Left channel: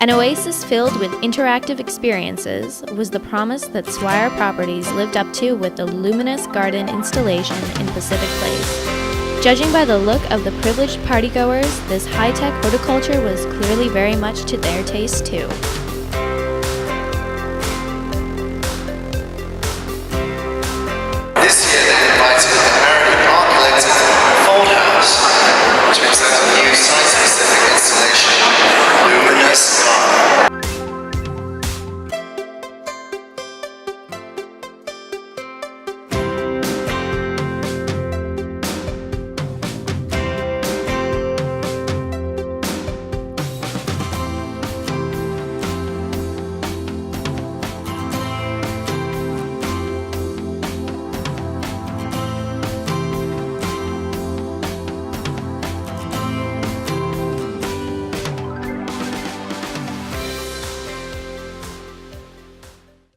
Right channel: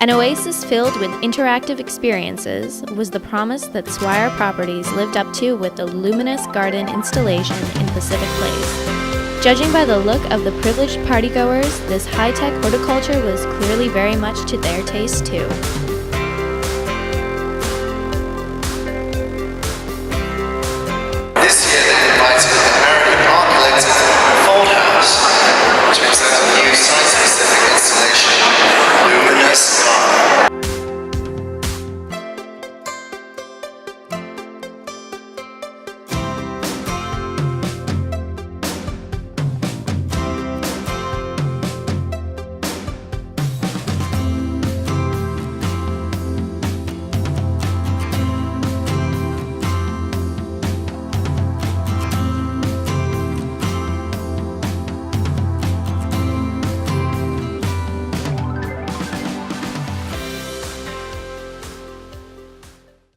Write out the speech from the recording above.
An oasis filled with interactive experiences was the promise that Swire Properties lived up to with the LUMENous GARDEN installation in Pacific Place. Judging by the look of the privileged partygoers, this high-tech horticulture was clearly very much to their taste too.